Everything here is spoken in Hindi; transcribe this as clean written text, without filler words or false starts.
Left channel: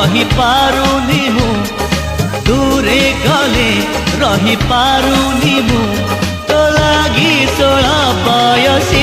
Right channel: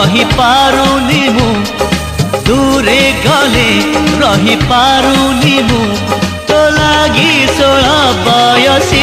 रही पारुनी मु दूरे गले रही पारुनी मु तो लागी 16 बयसी